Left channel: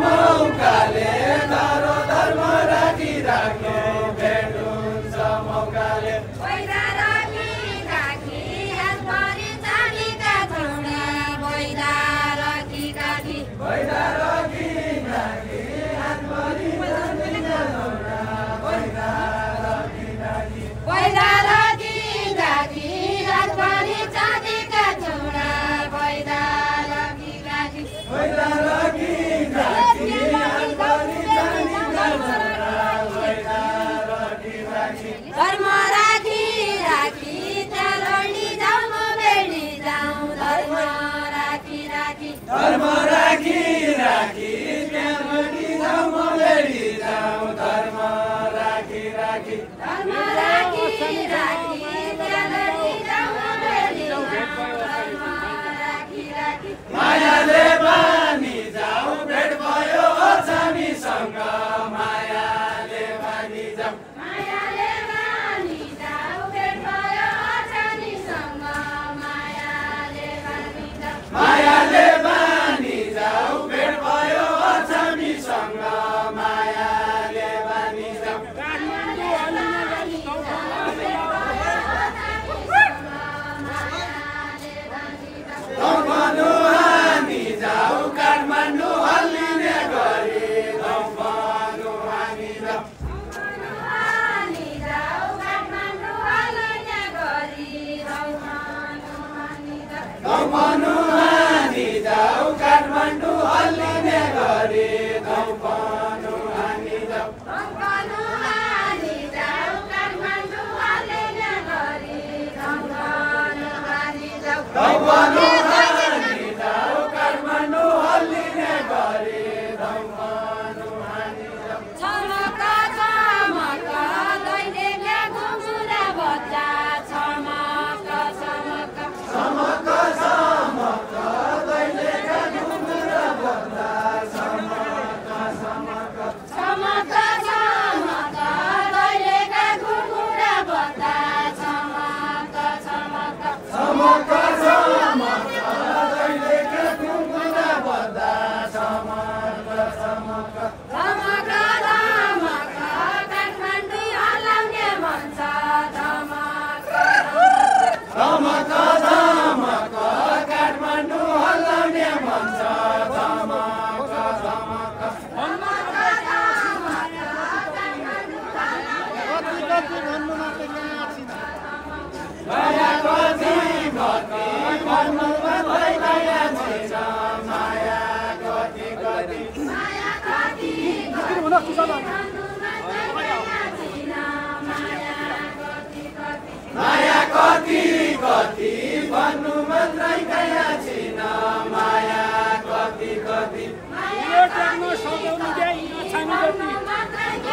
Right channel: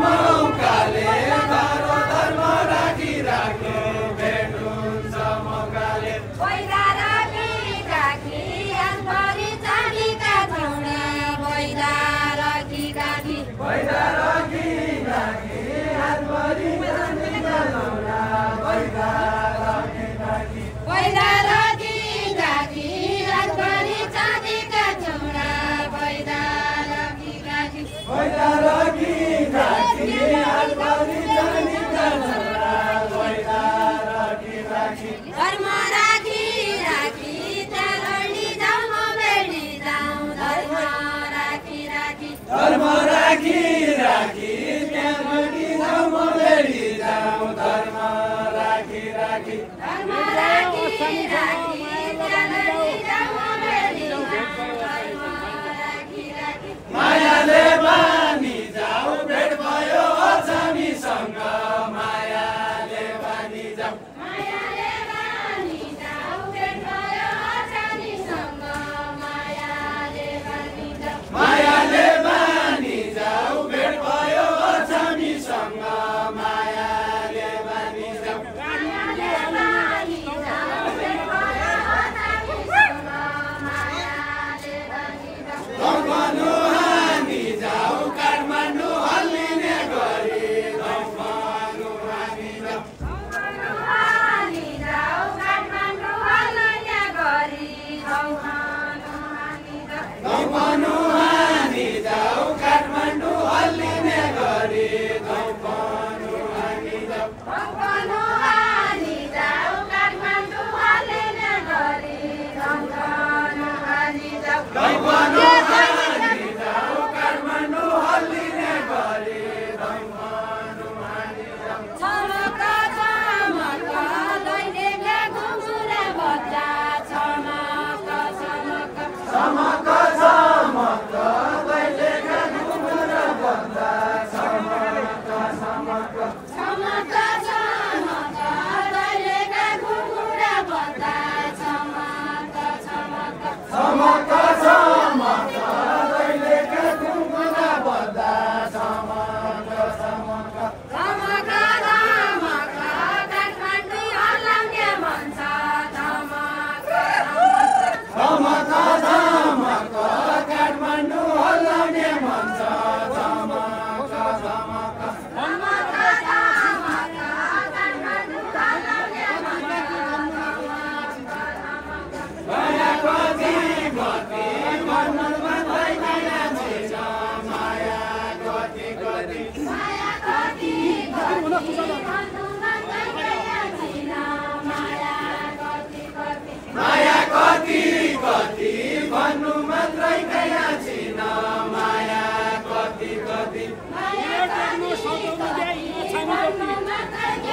Mauka माया कति कति भन्नु मात्रै कैया छिन माया कति कति यो टेक्न सजाउनु दे छामी जति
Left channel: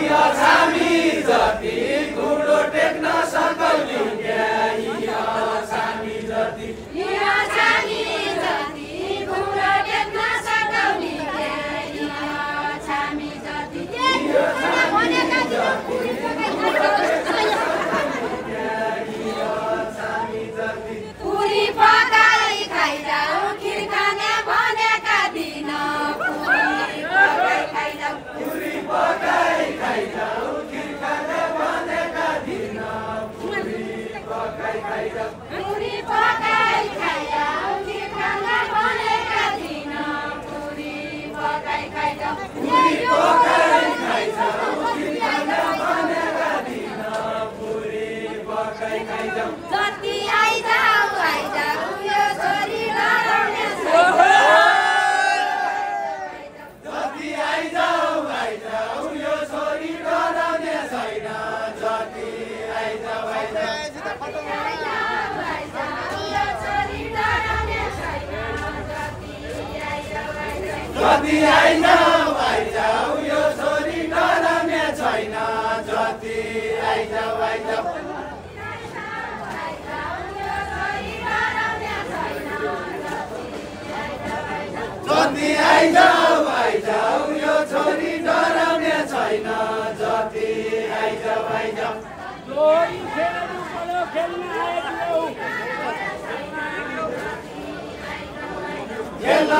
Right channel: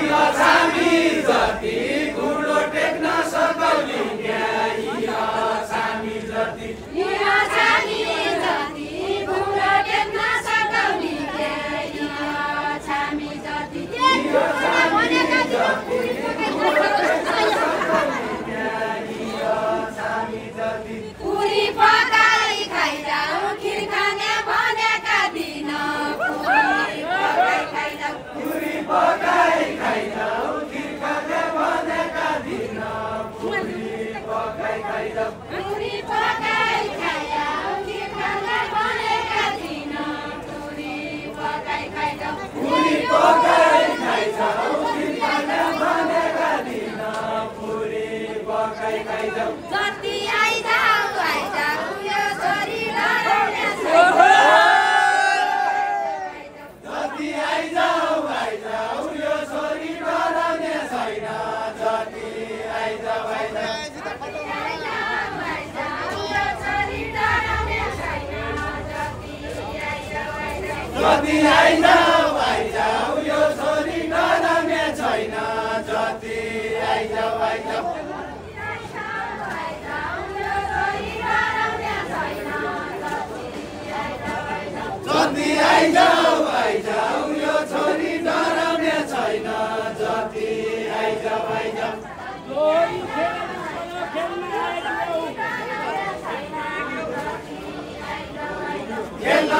यो छामी जति गुडो टेक्न सकाउली दे यो छामी जति यो छामी जति गुडो टेक्न सकाउली दे यो छामी जति पुरी पकाई खाइजाऊ खिर खाने भनेका दिन पुरी पकाई खाइजाऊ पुरी पकाई खाइजाऊ खिर खाने भनेका दिन पुरी पकाई खाइजाऊ पुरी पकाई खाइजाऊ खिर खाने भनेका दिन पुरी पकाई खाइजाऊ पुरी पकाई खाइजाऊ खिर खाने भनेका दिन पुरी पकाई खाइजाऊ जति आइजाऊ आइजाऊ यो छोरी डराउने जति आइजाऊ आइजाऊ यो छोरी डराउने छैन जति आइजाऊ आइजाऊ जति आइजाऊ आइजाऊ यो छोरी डराउने छैन जति आइजाऊ आइजाऊ जति आइजाऊ आइजाऊ यो छोरी डराउने छैन जति आइजाऊ आइजाऊ लोरी खेल्न